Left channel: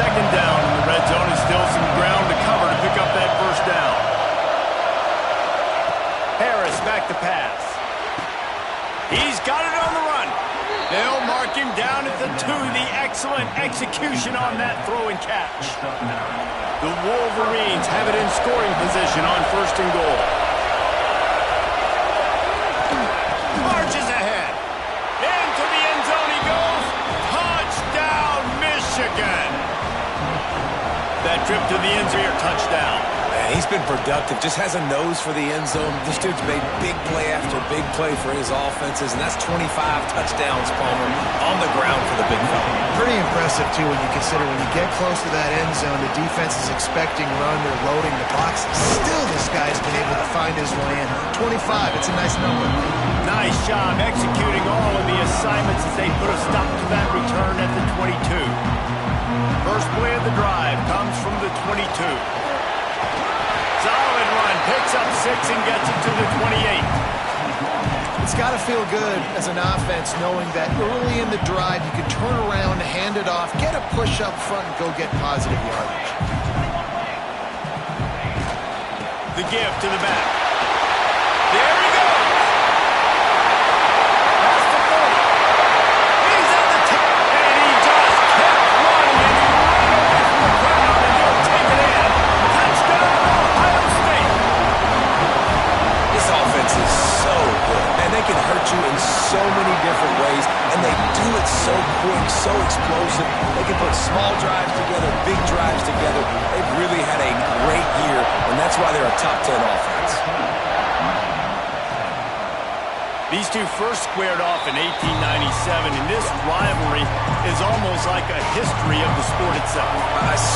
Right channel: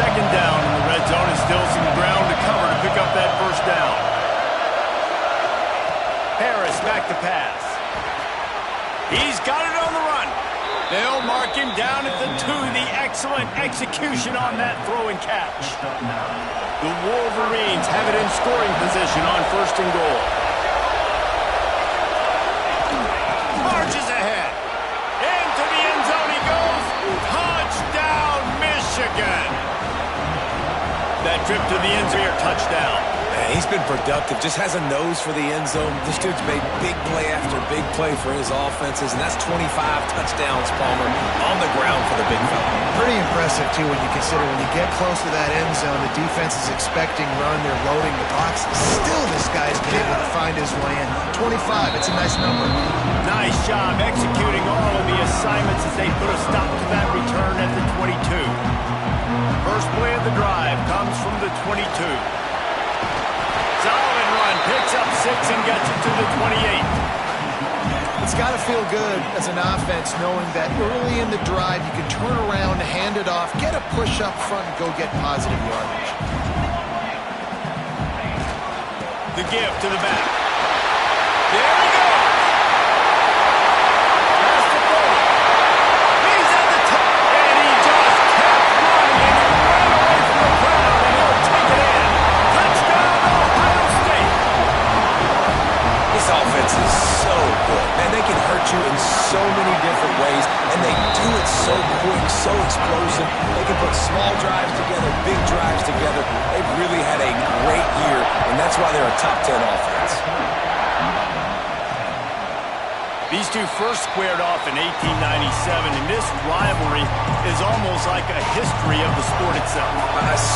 second down in the red zone, and still some ground to cover to pick up that first down. Harris back to pass. He's got it on the run. They'll mark him down at the 2. The excellent execution on that throw and catch. The Wolverines have it in scoring position on 1st and goal. Marches ahead. Into the end zone he goes. Touchdown, Michigan. That trip to the end zone, touchdown. Man, he's been productive. Just has a nose for the end zone. This dude's made big play after big play for his offenses, and that's 25 touchdowns, Palmer, on the ground for the big fella. Pretty impressive, too, when you consider when you get close to that end zone, the defense is expecting run, they're loading the box. Still, this guy's been able to find his way in. 25, it's a nice number. Nice job executing all of the assignments as they put a stop to that return at the 22. First play of the drive comes from the 22. Solid run, picks up 6 and gets it to the 28. It's got to feel good as an offense knowing that early in the drive you can turn around, hand it off, get a push up front, and go get positive yardage. The give to the back. There he goes. Past the 40. He's at the top, and he just kept running, and he ran away from the crowd, and he'll take it in. Touchdown, Ohio State. This offense is so good. Man, they can hurt you in so many different ways, and they do it so quick, so explosive. They can put small drives together, big drives together. They've really had a great year, and that's why they're a top 10 offense. These two first squared off in 1897, and this rivalry is almost like a history of the sport itself.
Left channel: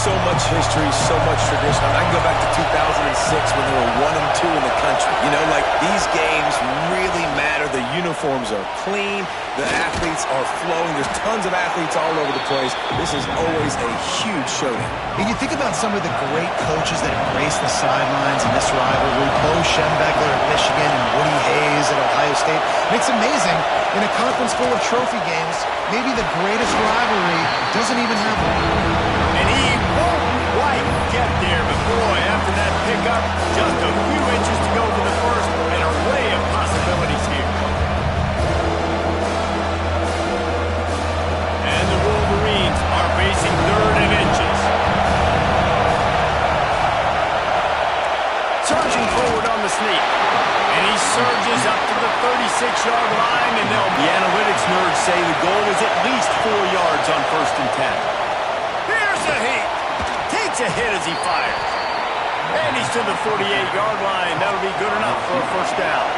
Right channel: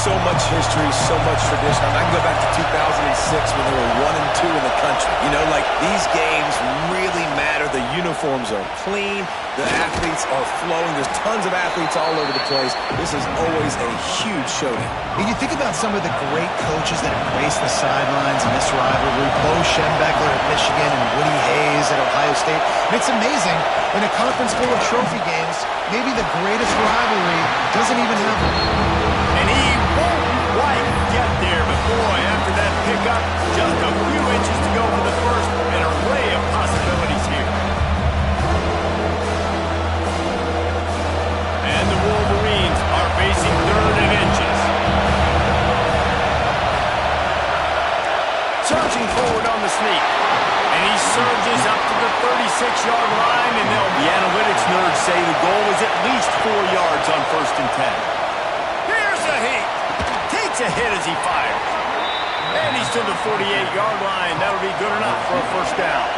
So much history, so much tradition. I can go back to 2006 when they were 1 and 2 in the country. You know, like, these games really matter. The uniforms are clean. The athletes are flowing. There's tons of athletes all over the place. This is always a huge showdown. And you think about some of the great coaches that embrace the sidelines in this rivalry. Bo Schembechler at Michigan and Woody Hayes at Ohio State. And it's amazing, in a conference full of trophy games, maybe the greatest rivalry doesn't even have one. And he won't quite get there, but boy, after that pickup, just a few inches to go for the first, an array of possibilities here. And the Wolverines are facing 3rd and inches. Surging forward on the sneak. And he surges up to the 36-yard line, and the analytics nerds say the goal is at least 4 yards on 1st and 10. Here's a heat. Takes a hit as he fires. And he's to the 48-yard line. That'll be good enough for a first down.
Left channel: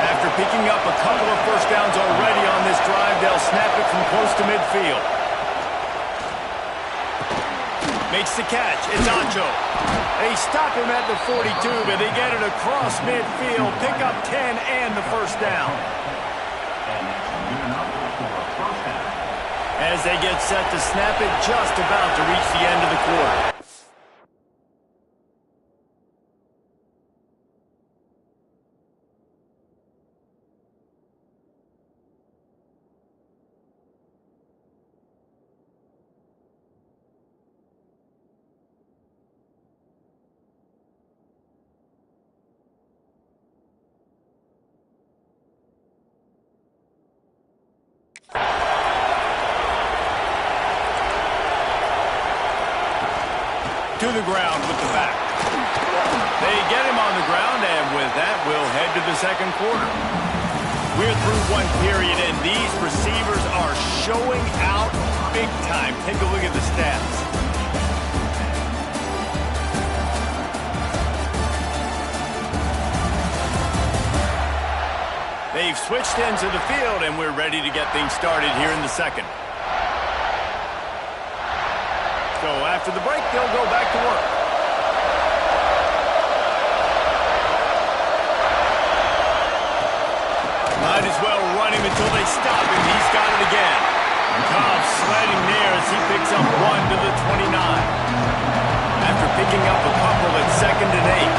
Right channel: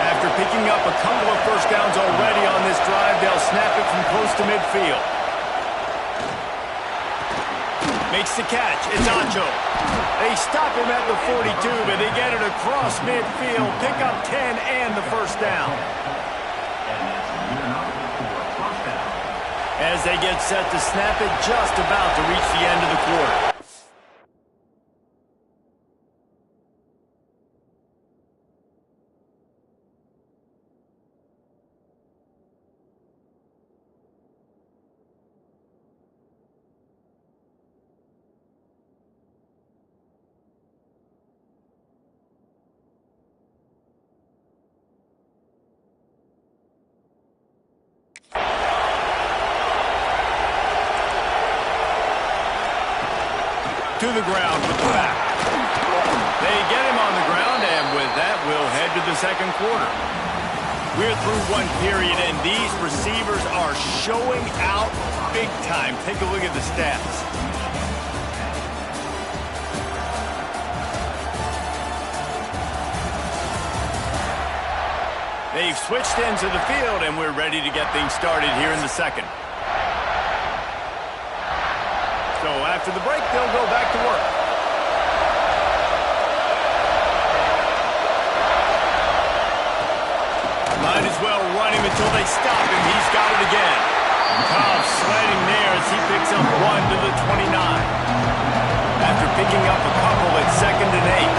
After picking up a couple of first downs already on this drive, they'll snap it from close to midfield. Makes the catch. It's Acho. They stop him at the 42, but they get it across midfield. Pick up 10 and the first down. And that's good enough for a first down. As they get set to snap it, just about to reach the end of the quarter. To the ground with the back. They get him on the ground, and with that, we'll head to the second quarter. We're through one period, and these receivers are showing out big time. Take a look at the stats. They've switched ends of the field, and we're ready to get things started here in the second. So after the break, they'll go back to work. Might as well run him until they stop him. He's got it again. Tough sledding there as he picks up 1 to the 29. After picking up a couple at 2nd and 8.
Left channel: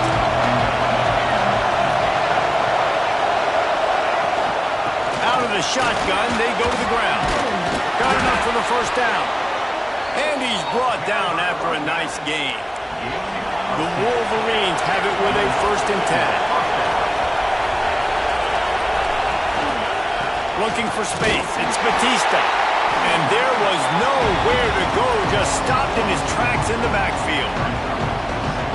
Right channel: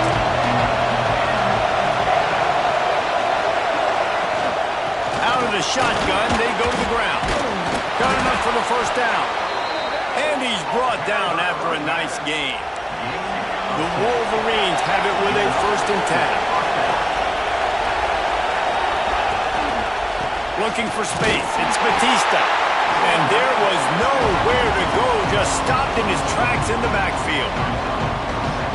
Out of the shotgun, they go to the ground. Got enough for the first down. And he's brought down after a nice gain. The Wolverines have it with a 1st and 10. Looking for space. It's Batista. And there was nowhere to go. Just stopped in his tracks in the backfield.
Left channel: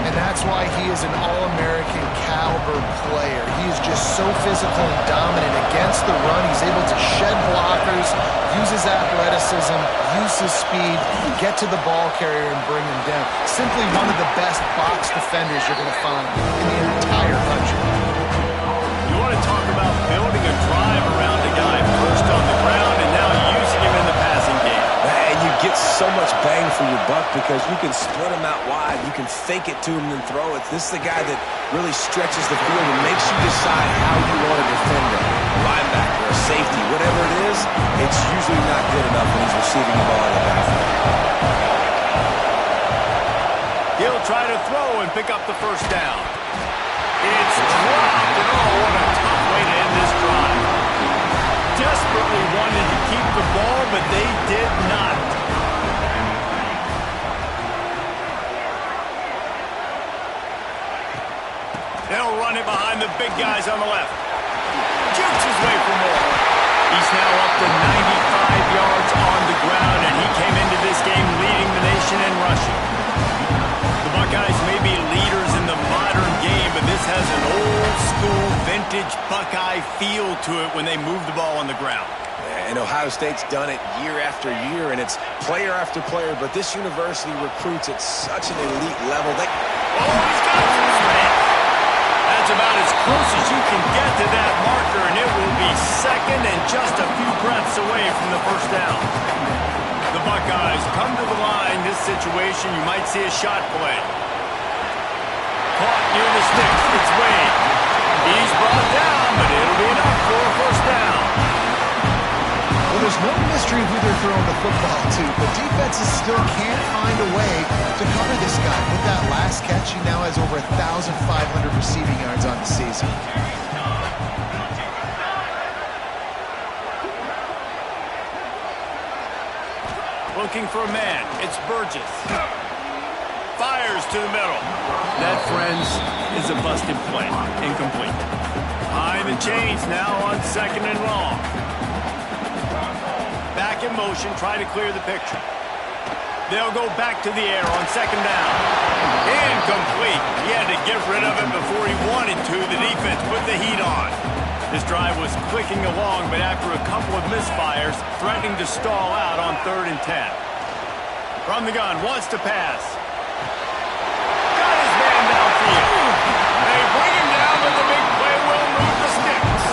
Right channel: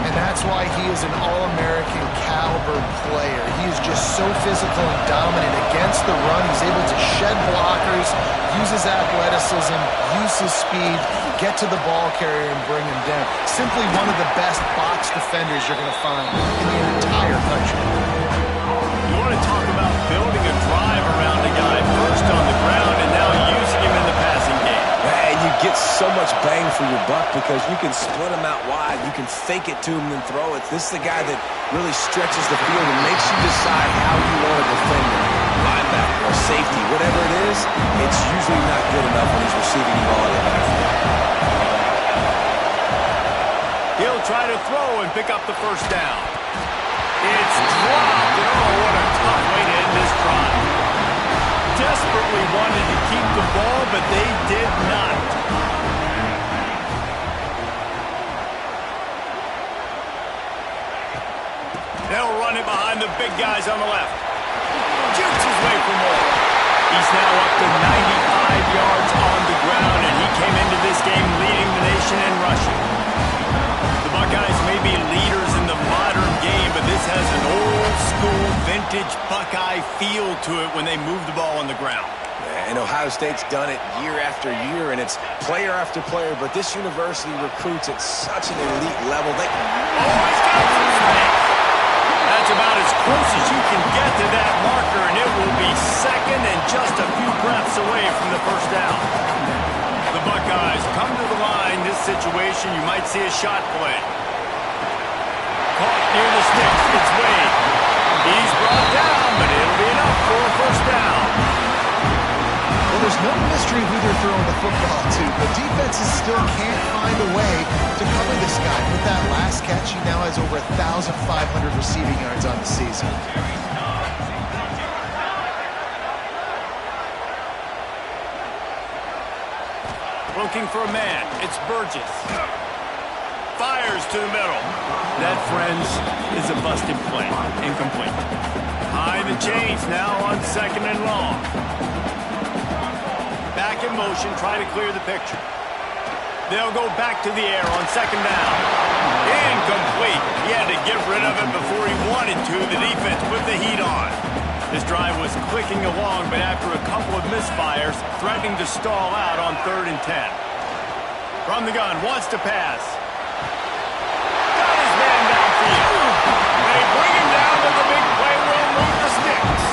And that's why he is an All-American caliber player. He is just so physical and dominant against the run. He's able to shed blockers, use his athleticism, use his speed, get to the ball carrier and bring him down. Simply one of the best box defenders you're going to find in the entire country. You want to talk about building a drive around a guy, first on the ground and now using him in the passing game. And you get so much bang for your buck because you can split him out wide. You can fake it to him and throw it. This is the guy that really stretches the field and makes you decide how you want to defend him. Linebacker or safety, whatever it is, it's usually not good enough when he's receiving the ball in the backfield. He'll try to throw and pick up the 1st down. It's dropped, and oh, what a tough way to end this drive. Desperately wanted to keep the ball, but they did not. They'll run it behind the big guys on the left. Jukes his way for more. He's now up to 95 yards on the ground, and he came into this game leading the nation in rushing. The Buckeyes may be leaders in the modern game, but this has an old-school, vintage Buckeye feel to it when they move the ball on the ground. And Ohio State's done it year after year, and it's player after player, but this university recruits at such an elite level. Oh, he's got some space. That's about as close as you can get to that marker, and it will be 2nd and just a few breaths away from the 1st down. The Buckeyes come to the line. This situation, you might see a shot play. Caught near the sticks. It's Wade. He's brought down, but it'll be enough for a 1st down. Well, there's no mystery who they're throwing the football to, but defenses still can't find a way to cover this guy. With that last catch, he now has over 1,500 receiving yards on the season. Looking for a man. It's Burgess. Fires to the middle. That, friends, is a busted play. Incomplete. High the chains now on 2nd and long. Back in motion, try to clear the picture. They'll go back to the air on 2nd down. Incomplete. He had to get rid of it before he wanted to. The defense put the heat on. This drive was clicking along, but after a couple of misfires, threatening to stall out on 3rd and 10. From the gun, wants to pass. Got his man downfield. They bring him down, but the big play will move the sticks.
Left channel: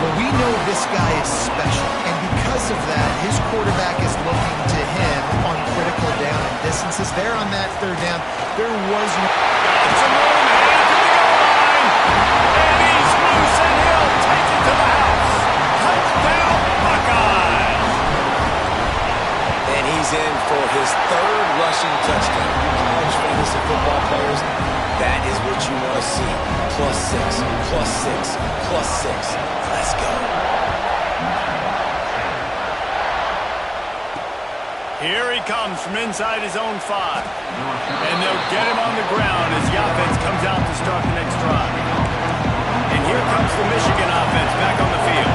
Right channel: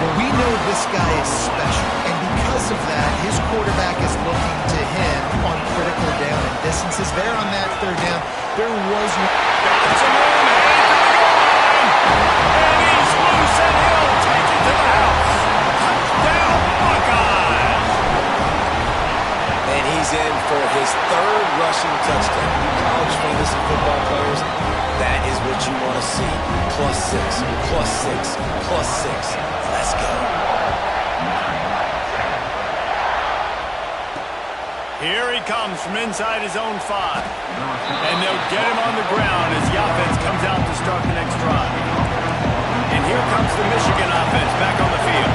Well, we know this guy is special, and because of that, his quarterback is looking to him on critical down and distances. There on that 3rd down, there was no... Got some room, heading to the goal line. And he's loose, and he'll take it to the house. Touchdown, Buckeyes. And he's in for his 3rd rushing touchdown. You college fantasy football players, that is what you want to see. +6, +6, +6. Let's go. Here he comes from inside his own 5. And they'll get him on the ground as the offense comes out to start the next drive. And here comes the Michigan offense back on the field.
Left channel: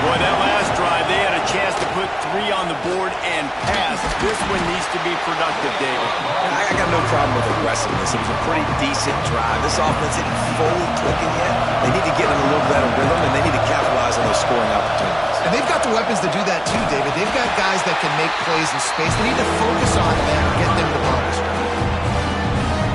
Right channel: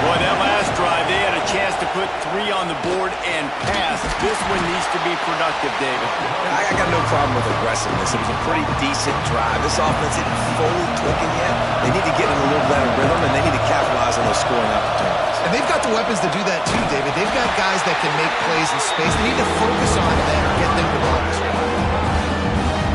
Boy, that last drive, they had a chance to put 3 on the board and pass. This one needs to be productive, David. I got no problem with aggressiveness. It was a pretty decent drive. This offense isn't fully clicking yet. They need to get in a little better rhythm, and they need to capitalize on those scoring opportunities. And they've got the weapons to do that too, David. They've got guys that can make plays in space. They need to focus on them and get them the ball this way.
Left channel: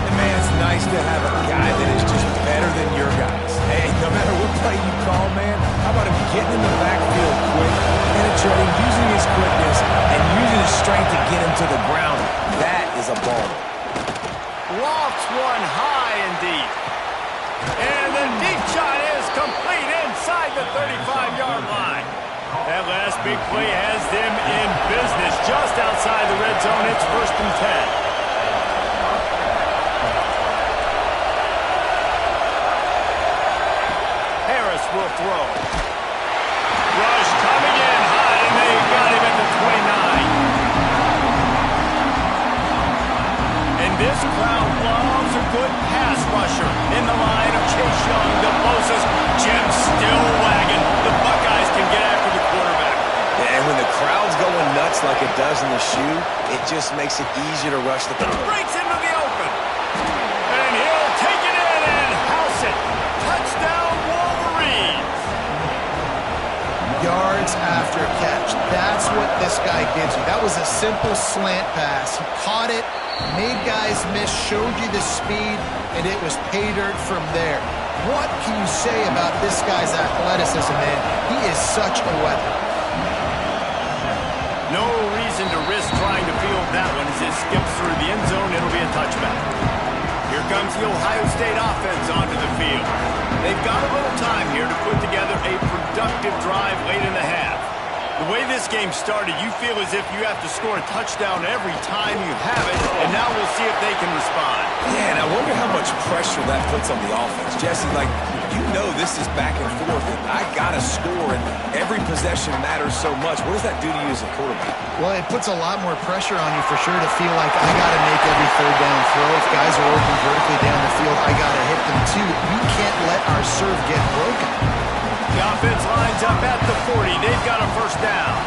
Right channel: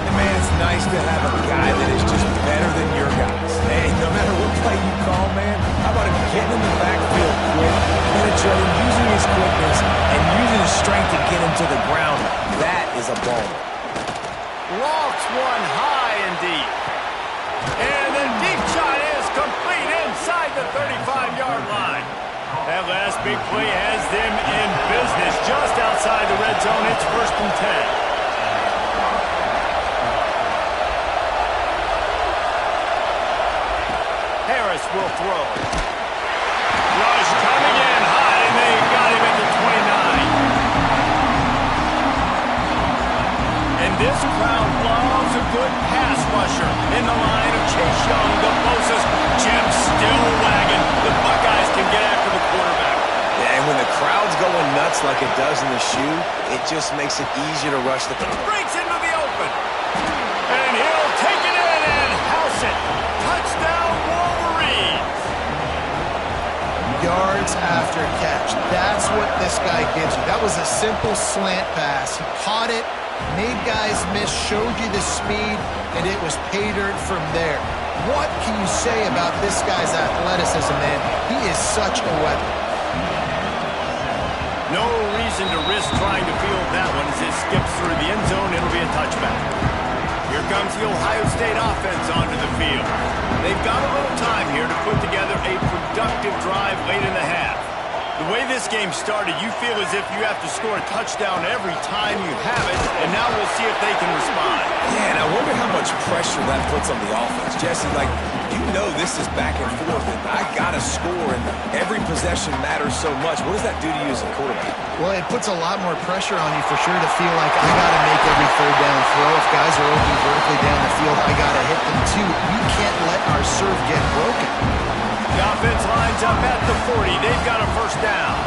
And man, it's nice to have a guy that is just better than your guys. Hey, no matter what play you call, man, how about him getting in the backfield quick, penetrating, using his quickness, and using his strength to get him to the ground. That is a baller. Lofts one high and deep. And the deep shot is complete inside the 35-yard line. That last big play has them in business just outside the red zone. It's 1st and 10. Harris will throw. Rush coming in high, and they got him at the 29. And this crowd loves a good pass rusher. In the line of Chase Young, the Bosa's, Jim still wagging. The Buckeyes can get after the quarterback. Yeah, and when the crowd's going nuts like it does in the shoe, it just makes it easier to rush the quarterback. Breaks into the open. And he'll take it in and house it. Touchdown, Wolverines. Yards after catch. That's what this guy gives you. That was a simple slant pass. He caught it, made guys miss, showed you the speed, and it was pay dirt from there. What can you say about this guy's athleticism, man? He is such a weapon. No reason to risk trying to field that one as it skips through the end zone. It'll be a touchback. Here comes the Ohio State offense onto the field. They've got a little time here to put together a productive drive late in the half. The way this game started, you feel as if you have to score a touchdown every time you have it, and now we'll see if they can respond. Yeah, and I wonder how much pressure that puts on the offense. Jesse, like, you know this is back and forth, and I got to score, and every possession matters so much. What does that do to you as a quarterback? Well, it puts a lot more pressure on you for sure to feel like I got to make every third down throw. If guys are open vertically down the field, I got to hit them too. We can't let our serve get broken. The offense lines up at the 40. They've got a first down.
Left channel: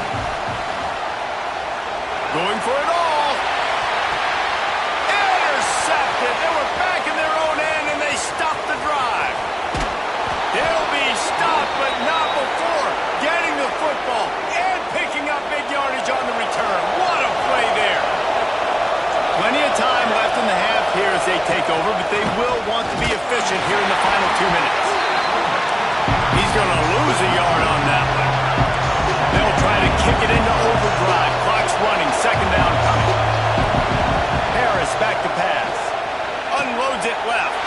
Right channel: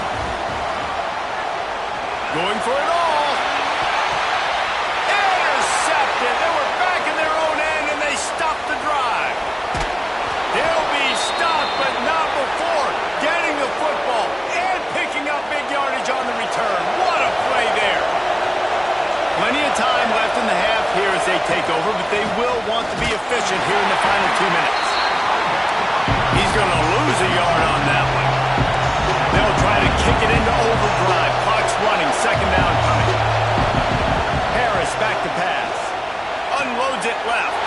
Going for it all. Intercepted. They were back in their own end, and they stopped the drive. They'll be stopped, but not before getting the football and picking up big yardage on the return. What a play there. Plenty of time left in the half here as they take over, but they will want to be efficient here in the final 2 minutes. He's going to lose a yard on that one. They'll try to kick it into overdrive. Clock's running. Second down coming. Harris back to pass. Unloads it left.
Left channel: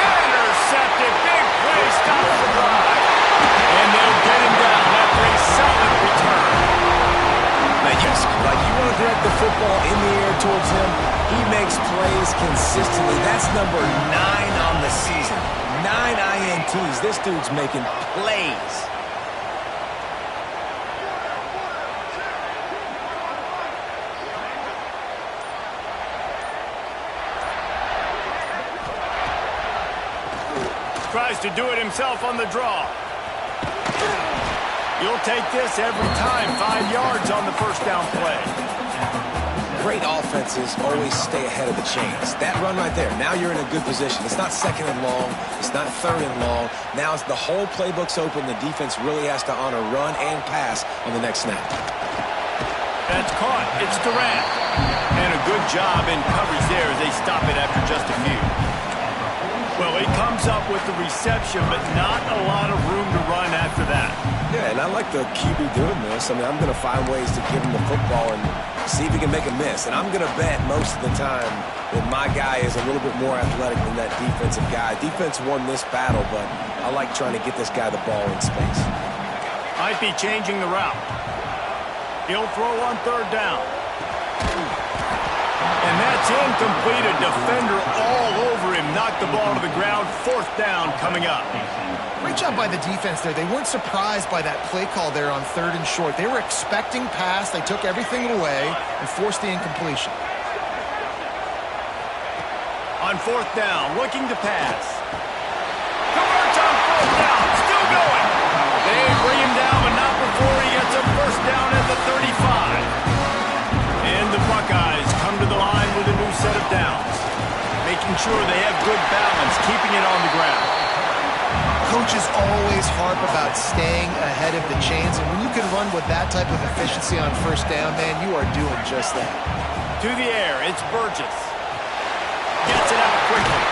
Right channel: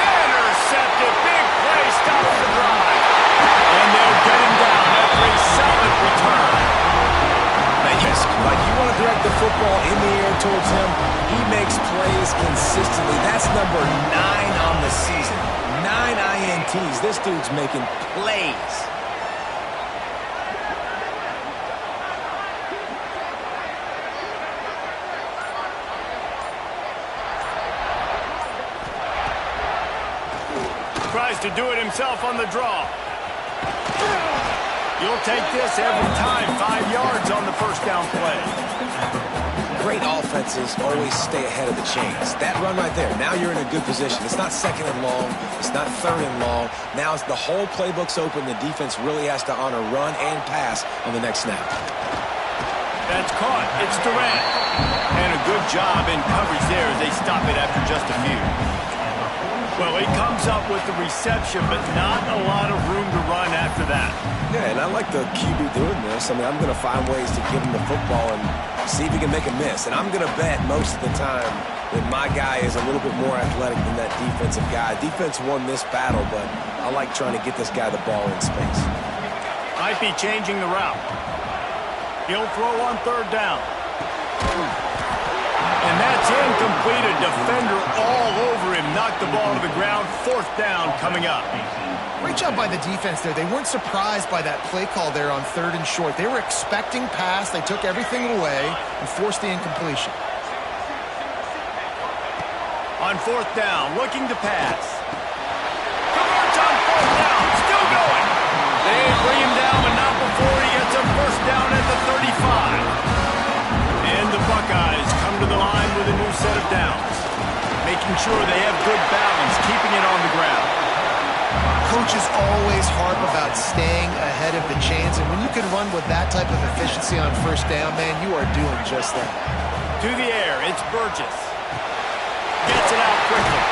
Intercepted. Big play. Stops the drive. And they'll get him down after a solid return. Man, like you want to direct the football in the air towards him, he makes plays consistently. That's number 9 on the season. 9 INTs. This dude's making plays. Tries to do it himself on the draw. You'll take this every time. 5 yards on the first down play. Great offenses always stay ahead of the chains. That run right there, now you're in a good position. It's not second and long. It's not third and long. Now the whole playbook's open. The defense really has to honor run and pass on the next snap. That's caught. It's Durant. And a good job in coverage there as they stop it after just a few. Well, he comes up with the reception, but not a lot of room to run after that. Yeah, and I like the QB doing this. I mean, I'm going to find ways to give him the football and see if he can make a miss. And I'm going to bet most of the time that my guy is a little bit more athletic than that defensive guy. Defense won this battle, but I like trying to get this guy the ball in space. Might be changing the route. He'll throw on third down. And that's incomplete. A defender all over him. Knocked the ball to the ground. Fourth down coming up. Great job by the defense there. They weren't surprised by that play call there on third and short. They were expecting pass. They took everything away and forced the incompletion. On fourth down, looking to pass. Converts on fourth down. Still going. They bring him down, but not before he gets a first down at the 35. And the Buckeyes come to the line with a new set of downs. Making sure they have good balance, keeping it on the ground. Coaches always harp about staying ahead of the chains, and when you can run with that type of efficiency on first down, man, you are doing just that. To the air, it's Burgess. Gets it out quickly.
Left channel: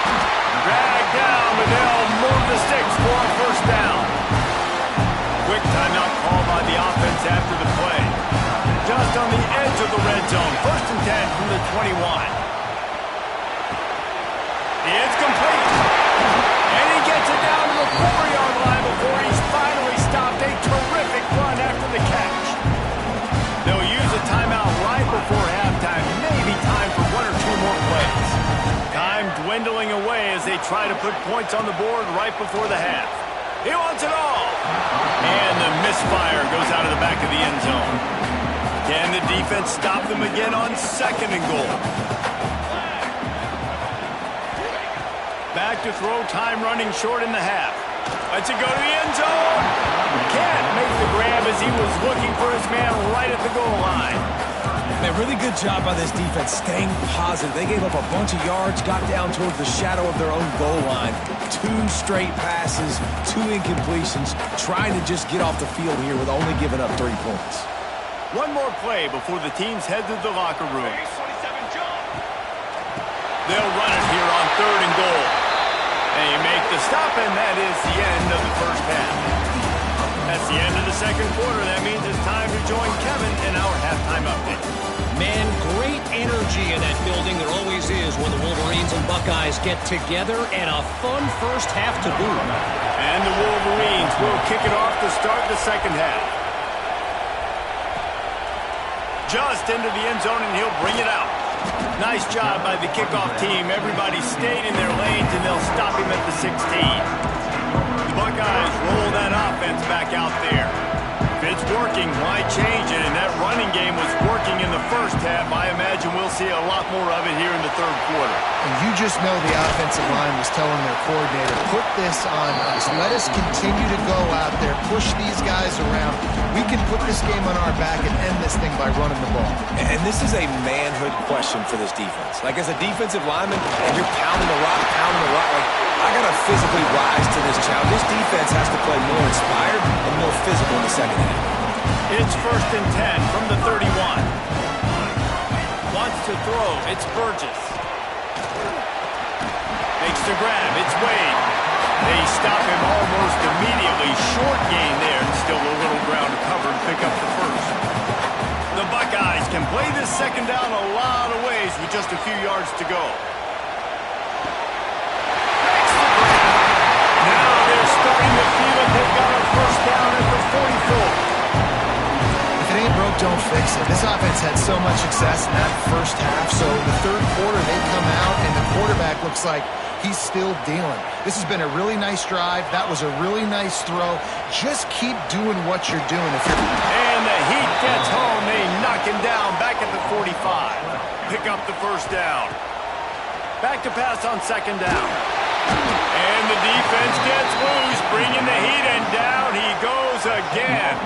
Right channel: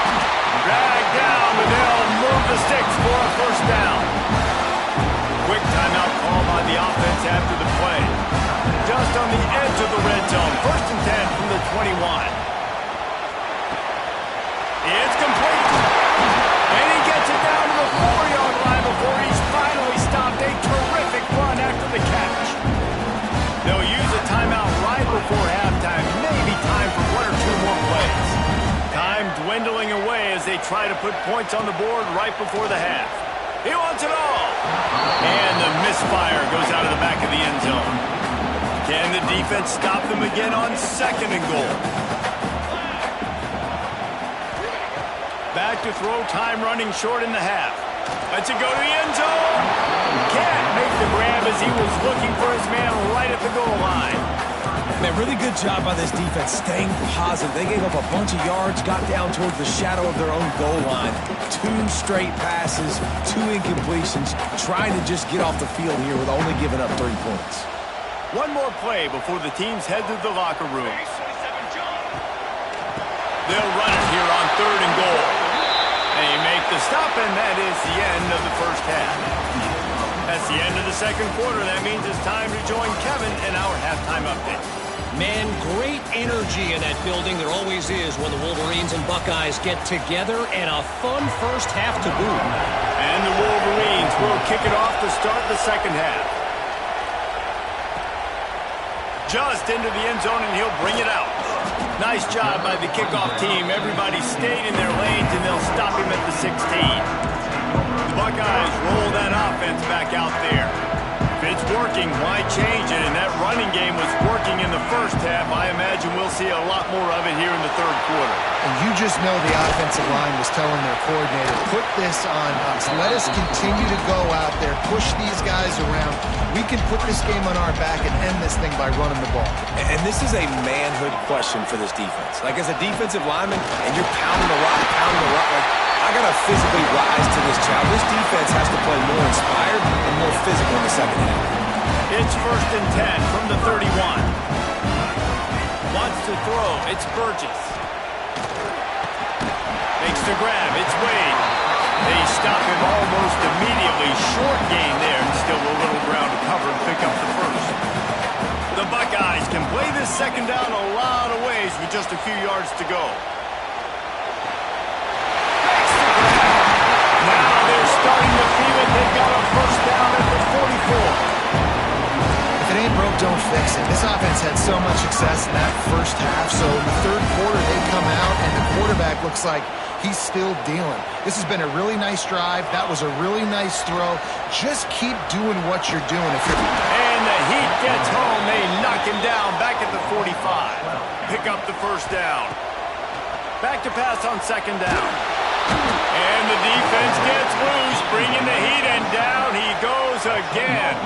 Dragged down, but they'll move the sticks for a first down. Quick timeout call by the offense after the play. Just on the edge of the red zone. First and 10 from the 21. It's complete. And he gets it down to the 4-yard line before he's finally stopped. A terrific run after the catch. They'll use a timeout right before halftime. Maybe time for 1 or 2 more plays. Time dwindling away as they try to put points on the board right before the half. He wants it all. And the misfire goes out of the back of the end zone. Can the defense stop them again on second and goal? Back to throw, time running short in the half. Lets it go to the end zone. Can't make the grab as he was looking for his man right at the goal line. Man, really good job by this defense staying positive. They gave up a bunch of yards, got down towards the shadow of their own goal line. 2 straight passes, 2 incompletions, trying to just get off the field here with only giving up 3 points. One more play before the teams head to the locker room. They'll run it here on 3rd and goal. They make the stop, and that is the end of the first half. That's the end of the second quarter. That means it's time to join Kevin in our halftime update. Man, great energy in that building. There always is when the Wolverines and Buckeyes get together, and a fun first half to boot. And the Wolverines will kick it off to start the second half. Just into the end zone, and he'll bring it out. Nice job by the kickoff team. Everybody stayed in their lanes, and they'll stop him at the 16. The Buckeyes roll that offense back out there. If it's working, why change it? And that running game was working in the first half. I imagine we'll see a lot more of it here in the third quarter. And you just know the offensive line was telling their coordinator, put this on us. Let us continue to go out there, push these guys around. We can put this game on our back and end this thing by running the ball. And this is a manhood question for this defense. Like, as a defensive lineman, and you're pounding the rock, like, I got to physically rise to this challenge. This defense has to play more inspired and more physical in the second half. It's 1st and 10 from the 31. Wants to throw. It's Burgess. Makes the grab. It's Wade. They stop him almost immediately. Short gain there, and still a little ground to cover and pick up the first. The Buckeyes can play this second down a lot of ways with just a few yards to go. Makes the grab. Now they're starting to feel it. They've got a first down at the 44. If it ain't broke, don't fix it. This offense had so much success in that first half, so in the third quarter they come out and the quarterback looks like he's still dealing. This has been a really nice drive. That was a really nice throw. Just keep doing what you're doing. And the Heat gets home. They knock him down back at the 45. Pick up the first down. Back to pass on second down. And the defense gets loose, bringing the Heat, and down he goes again.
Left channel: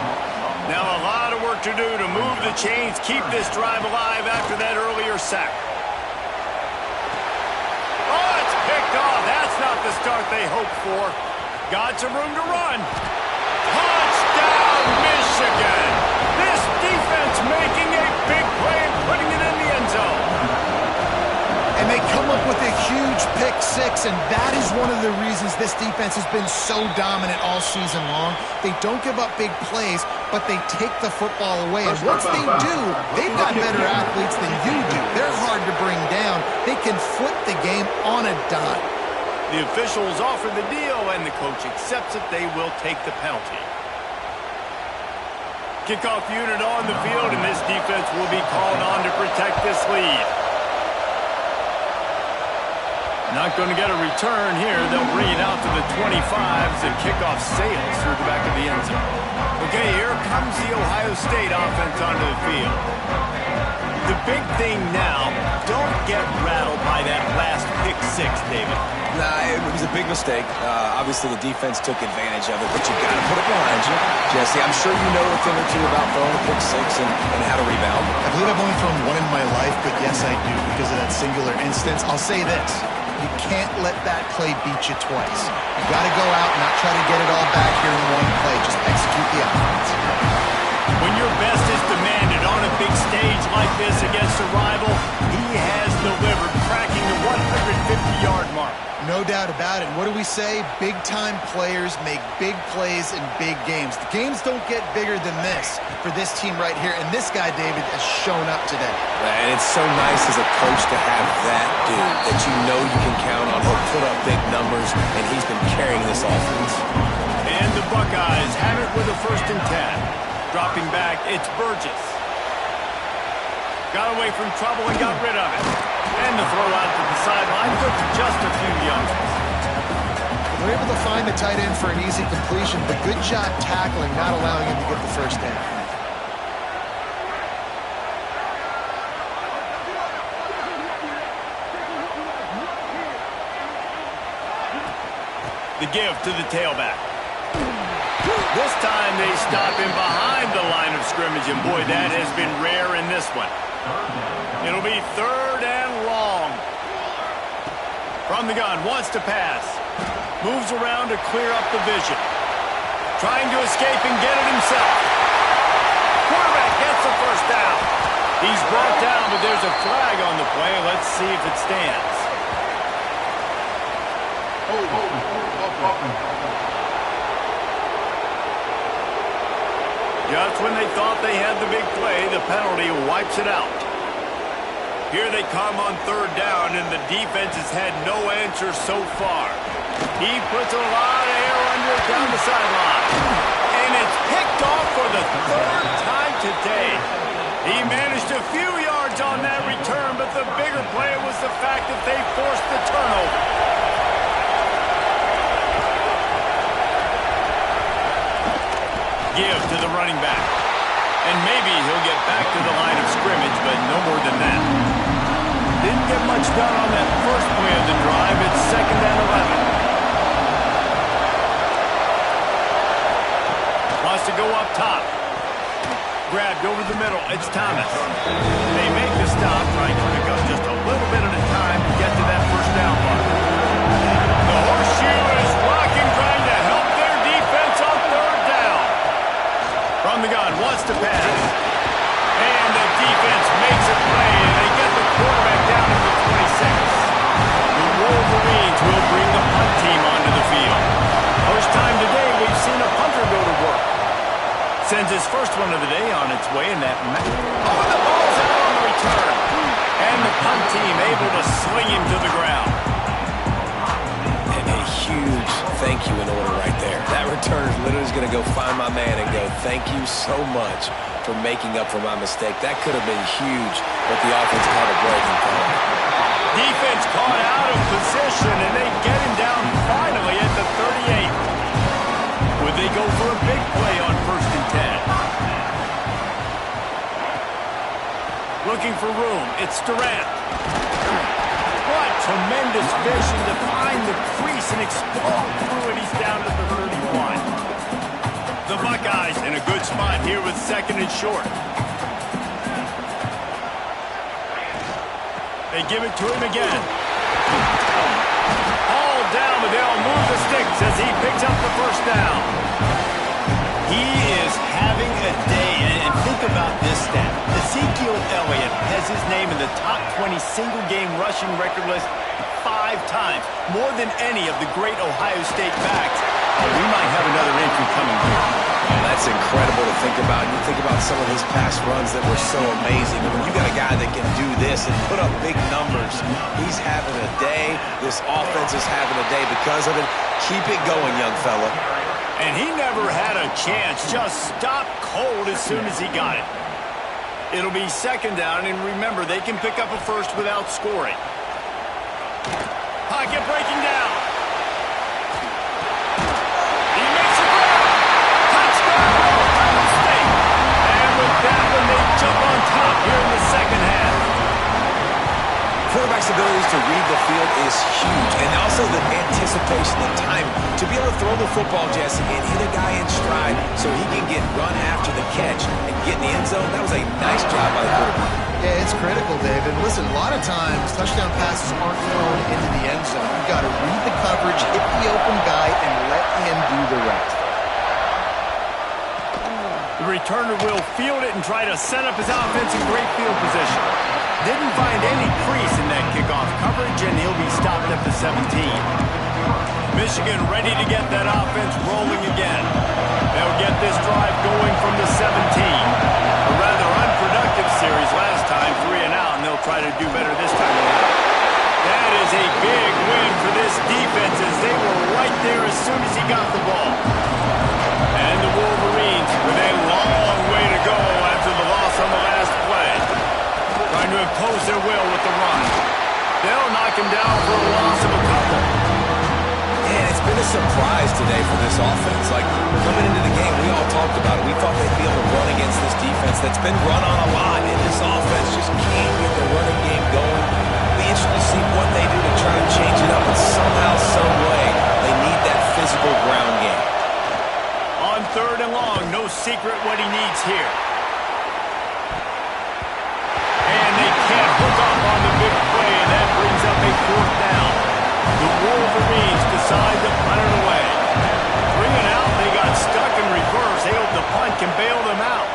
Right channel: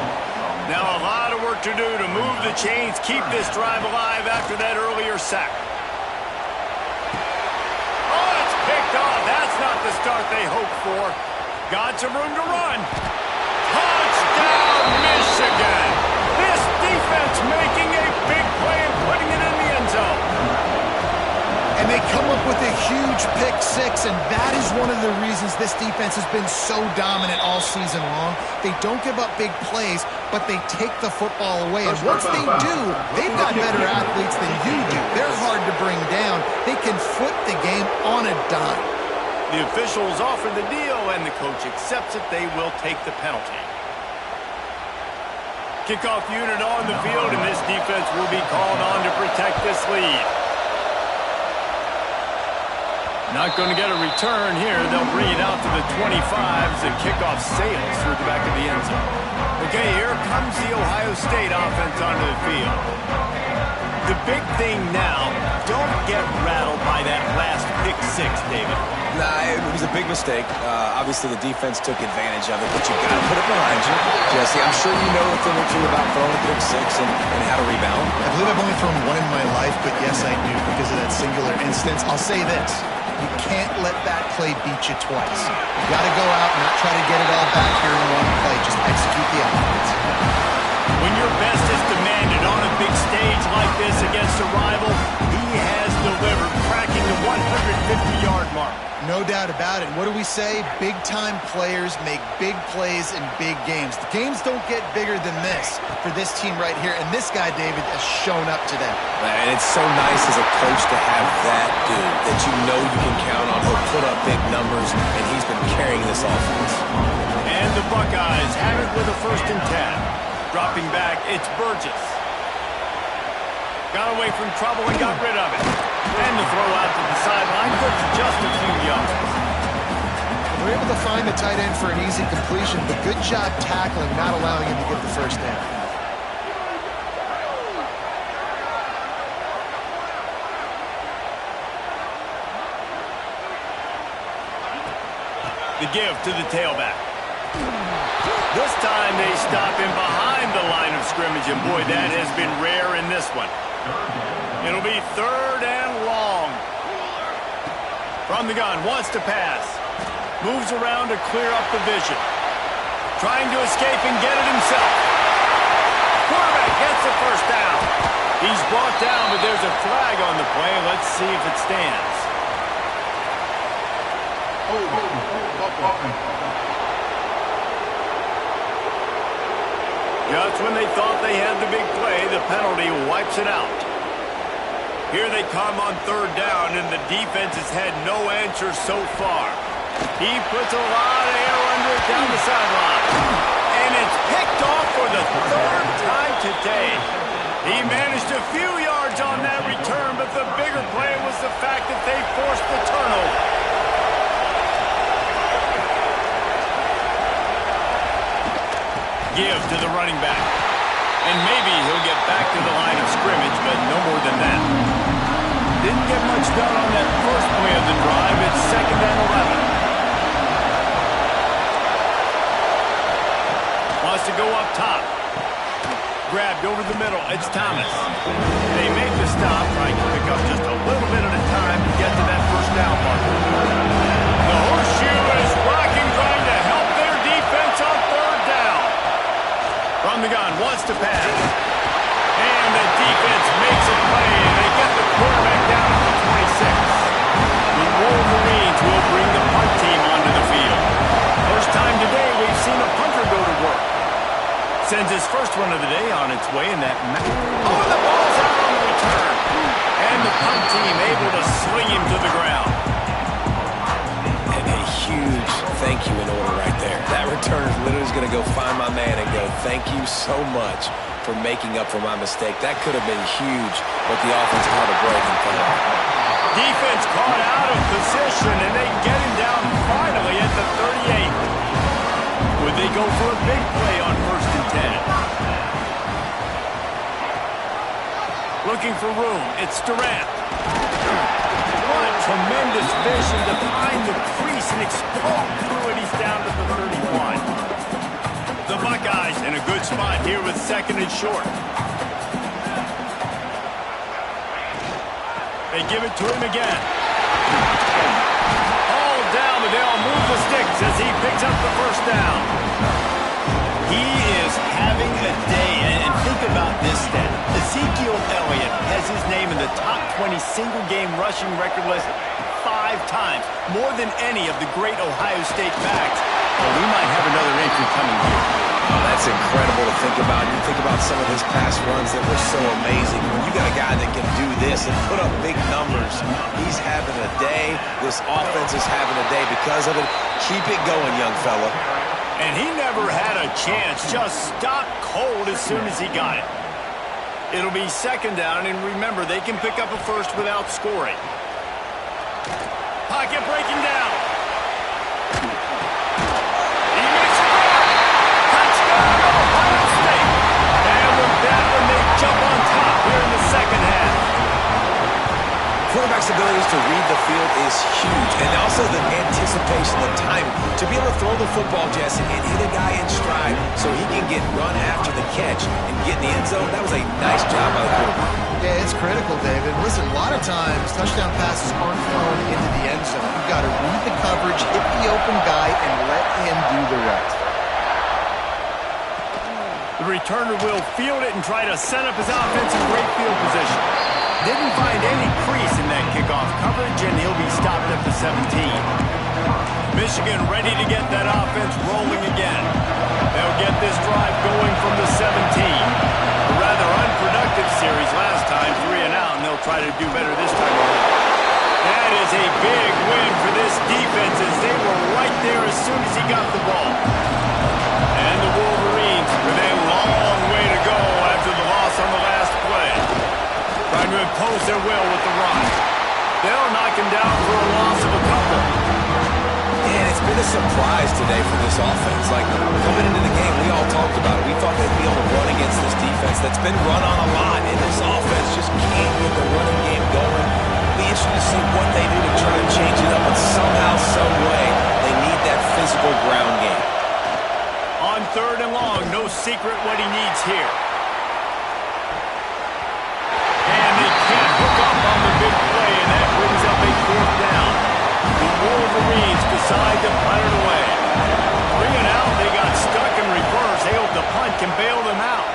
Now a lot of work to do to move the chains, keep this drive alive after that earlier sack. Oh, it's picked off. That's not the start they hoped for. Got some room to run. Touchdown, Michigan. This defense making a big play and putting it in the end zone. And they come up with a huge pick six, and that is one of the reasons this defense has been so dominant all season long. They don't give up big plays, but they take the football away. And once they do, they've got better athletes than you do. They're hard to bring down. They can flip the game on a dime. The officials offer the deal, and the coach accepts it. They will take the penalty. Kickoff unit on the field, and this defense will be called on to protect this lead. Not going to get a return here. They'll bring it out to the 25s. The kickoff sails through the back of the end zone. Okay, here comes the Ohio State offense onto the field. The big thing now, don't get rattled by that last pick six, David. Nah, it was a big mistake. Obviously, the defense took advantage of it, but you got to put it behind you. Jesse, I'm sure you know a thing or two about throwing a pick six and how to rebound. I believe I've only thrown one in my life, but yes, I do because of that singular instance. I'll say this. You can't let that play beat you twice. You got to go out and not try to get it all back here in one play. Just execute the offense. When your best is demanded on a big stage like this against a rival, he has delivered, cracking the 150-yard mark. No doubt about it. What do we say? Big-time players make big plays in big games. The games don't get bigger than this for this team right here, and this guy, David, has shown up today. And it's so nice as a coach to have that dude that you know you can count on. He'll put up big numbers, and he's been carrying this offense. And the Buckeyes have it with a 1st and 10. Dropping back, it's Burgess. Got away from trouble and got rid of it. And the throw out to the sideline took just a few yards. They're able to find the tight end for an easy completion, but good job tackling, not allowing him to get the first down. The give to the tailback. This time they stop him behind the line of scrimmage, and boy, that has been rare in this one. It'll be 3rd and long. From the gun, wants to pass. Moves around to clear up the vision. Trying to escape and get it himself. Quarterback gets the first down. He's brought down, but there's a flag on the play. Let's see if it stands. Just when they thought they had the big play, the penalty wipes it out. Here they come on 3rd down, and the defense has had no answer so far. He puts a lot of air under it down the sideline. And it's picked off for the 3rd time today. He managed a few yards on that return, but the bigger play was the fact that they forced the turnover. Give to the running back. And maybe he'll get back to the line of scrimmage, but no more than that. Didn't get much done on that first play of the drive. It's 2nd and 11. Wants to go up top. Grabbed over the middle. It's Thomas. They make the stop, trying to pick up just a little bit at a time to get to that first down mark. The horseshoe is rocking, trying to help their defense on 3rd down. From the gun, wants to pass. And the defense makes a play, and they get the quarterback down at the 26. The Wolverines will bring the punt team onto the field. First time today we've seen a punter go to work. Sends his first one of the day on its way, and that... Oh, the ball's out on the return. And the punt team able to sling him to the ground. And a huge thank you in order right there. That returner is literally going to go find my man and go, thank you so much for making up for my mistake. That could have been huge, but the offense caught a break and fell out. Defense caught out of position, and they get him down finally at the 38. Would they go for a big play on 1st and 10? Looking for room. It's Durant. What tremendous vision to find the crease and explode through it. He's down to the 31. The Buckeyes in a good spot here with 2nd and short. They give it to him again. All down, but they'll move the sticks as he picks up the first down. He is having a day, and think about this stat. Ezekiel Elliott has his name in the top 20 single-game rushing record list 5 times, more than any of the great Ohio State backs. Oh, we might have another entry coming here. Oh, that's incredible to think about. You think about some of his past runs that were so amazing. When you got a guy that can do this and put up big numbers, he's having a day. This offense is having a day because of it. Keep it going, young fella. And he never had a chance. Just stopped cold as soon as he got it. It'll be 2nd down, and remember, they can pick up a first without scoring. Pocket breaking down. He makes a grab. Touchdown, Ohio State. And with that one, they jump on top here in the 2nd half. Quarterback's abilities to read the field is huge, and also the anticipation, the time to be able to throw the football, Jesse, and hit a guy in stride so he can get run after the catch and get in the end zone. That was a nice job by the quarterback. Yeah, it's critical, David. Listen, a lot of times touchdown passes aren't thrown into the end zone. You've got to read the coverage, hit the open guy, and let him do the rest. The returner will field it and try to set up his offense in great field position. Didn't find any crease in that kickoff coverage, and he'll be stopped at the 17. Michigan ready to get that offense rolling again. They'll get this drive going from the 17. A rather unproductive series last time, 3 and out, and they'll try to do better this time around. That is a big win for this defense as they were right there as soon as he got the ball. And the Wolverines with a long way to go after the loss on the last play. Trying to impose their will with the run. They'll knock him down for a loss of a couple. And it's been a surprise today for this offense. Like, coming into the game, we all talked about it. We thought they'd be able to run against this defense that's been run on a lot, and this offense just can't get the running game going. It'll be interesting to see what they do to try to change it up, but somehow, some way, they need that secret what he needs here. And they can't hook up on the big play, and that brings up a 4th down. The Wolverines decide to punt it away. 3 and out, they got stuck in reverse. They hope the punt can bail them out.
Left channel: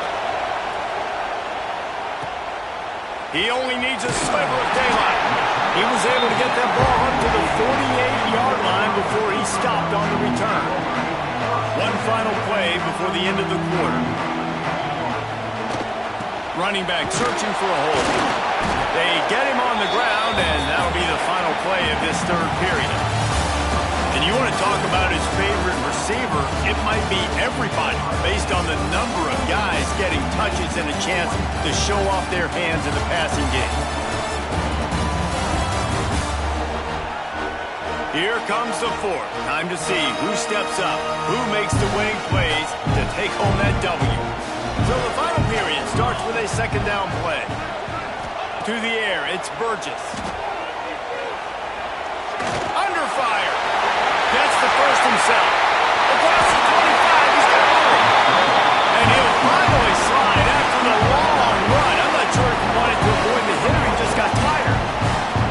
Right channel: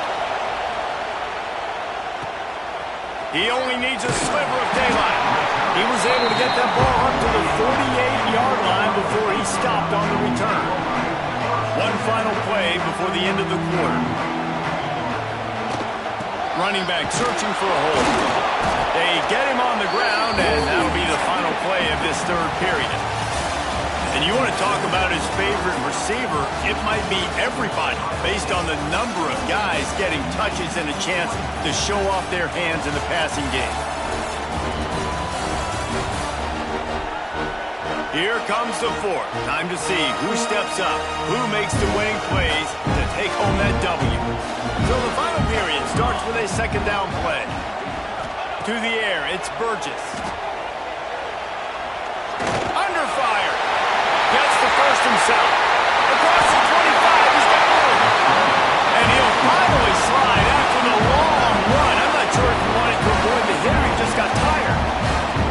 He only needs a sliver of daylight. He was able to get that ball up to the 48-yard line before he stopped on the return. One final play before the end of the quarter. Running back searching for a hole. They get him on the ground, and that'll be the final play of this 3rd period. And you want to talk about his favorite receiver, it might be everybody, based on the number of guys getting touches and a chance to show off their hands in the passing game. Here comes the 4th. Time to see who steps up, who makes the winning plays to take home that W. So the final period starts with a 2nd down play. To the air, it's Burgess. Under fire. Gets the first himself. Across the 25, he's got room. And he'll finally slide after the long run. I'm not sure if he wanted to avoid the hit or he just got tired.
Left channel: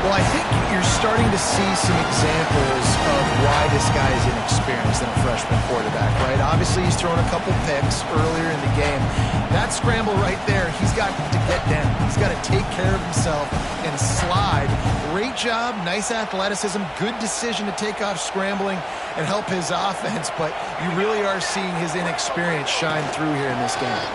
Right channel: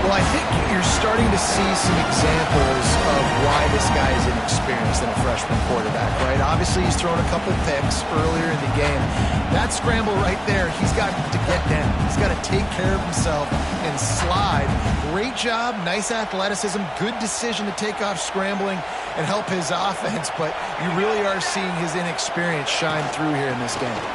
Well, I think you're starting to see some examples of why this guy is inexperienced in a freshman quarterback, right? Obviously, he's thrown a couple picks earlier in the game. That scramble right there, he's got to get down. He's got to take care of himself and slide. Great job, nice athleticism, good decision to take off scrambling and help his offense, but you really are seeing his inexperience shine through here in this game.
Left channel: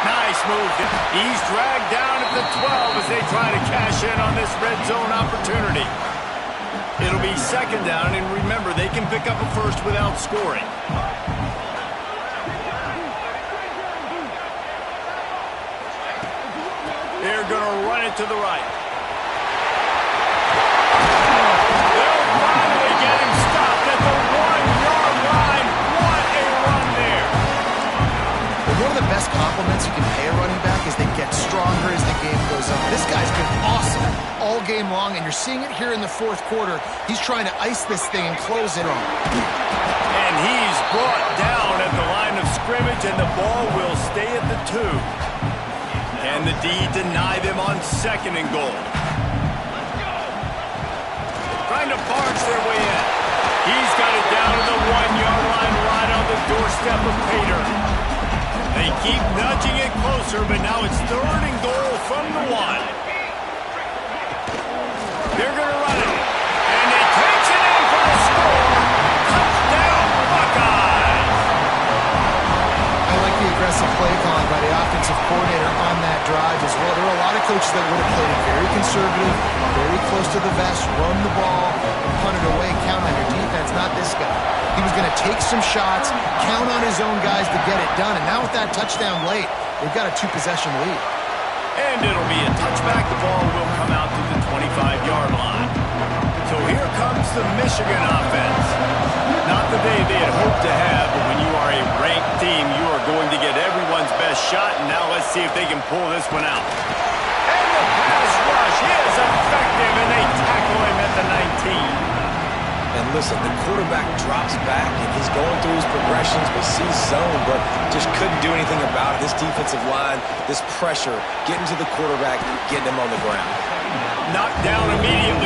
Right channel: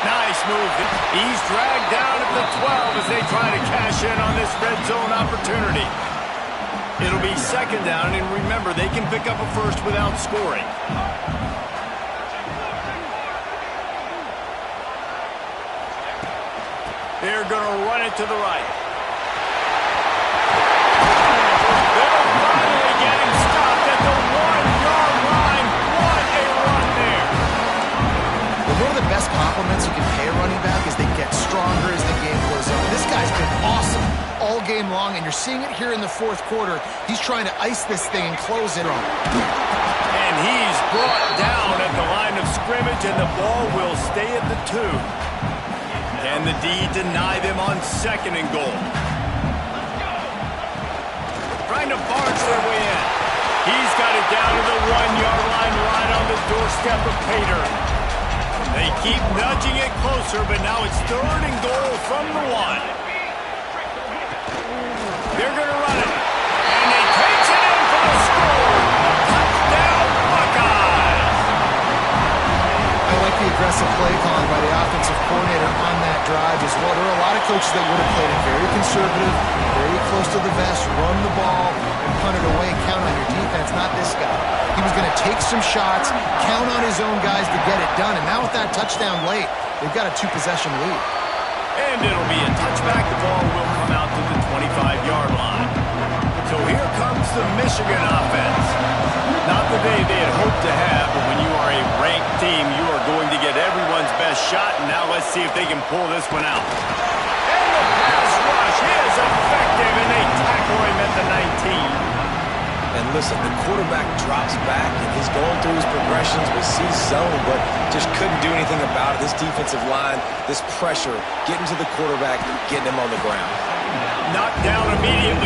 Nice move. He's dragged down at the 12 as they try to cash in on this red zone opportunity. It'll be 2nd down, and remember, they can pick up a first without scoring. They're going to run it to the right. They'll finally get him stopped at the 1-yard line. What a run there. One of the best compliments you can pay a running back is they get stronger as the game goes on. This guy's been awesome all game long, and you're seeing it here in the 4th quarter. He's trying to ice this thing and close it on. And he's brought down at the line of scrimmage, and the ball will stay at the 2. Can the D deny them on 2nd and goal? Trying to barge their way in. He's got it down to the 1-yard line right on the doorstep of Pater. They keep nudging it closer, but now it's 3rd and goal from the 1. They're going to run it. And he takes it in for the score. Touchdown, Buckeyes! I like the aggressive play calling by the offensive coordinator on that drive as well. There are a lot of coaches that would have played it very conservative, very close to the vest, run the ball, and punt it away, count on your defense. Not this guy. He was going to take some shots, count on his own guys to get it done. And now with that touchdown late, they've got a 2-possession lead. And it'll be a touchback. The ball will come out to the 25-yard line. So here comes the Michigan offense. Not the day they had hoped to have, but when you are a ranked team, you are going to get everyone's best shot. And now let's see if they can pull this one out. And the pass rush is effective, and they tackle him at the 19. And listen, the quarterback drops back, and he's going through his progressions, but sees zone, but just couldn't do anything about it. This defensive line, this pressure, getting to the quarterback, getting him on the ground. Knocked down immediately.